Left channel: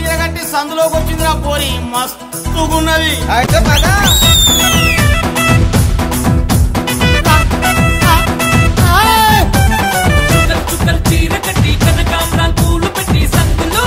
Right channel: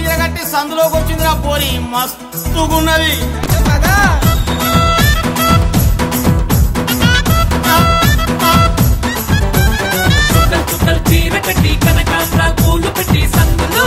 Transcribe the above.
చీర కట్టి సందులోకి వచ్చింది ఆ పోరి మస్తుగున్నది. అయితే పదా చుక్కలు చీర కట్టి కనకాంబరాలు పూలు పెట్టి సందులో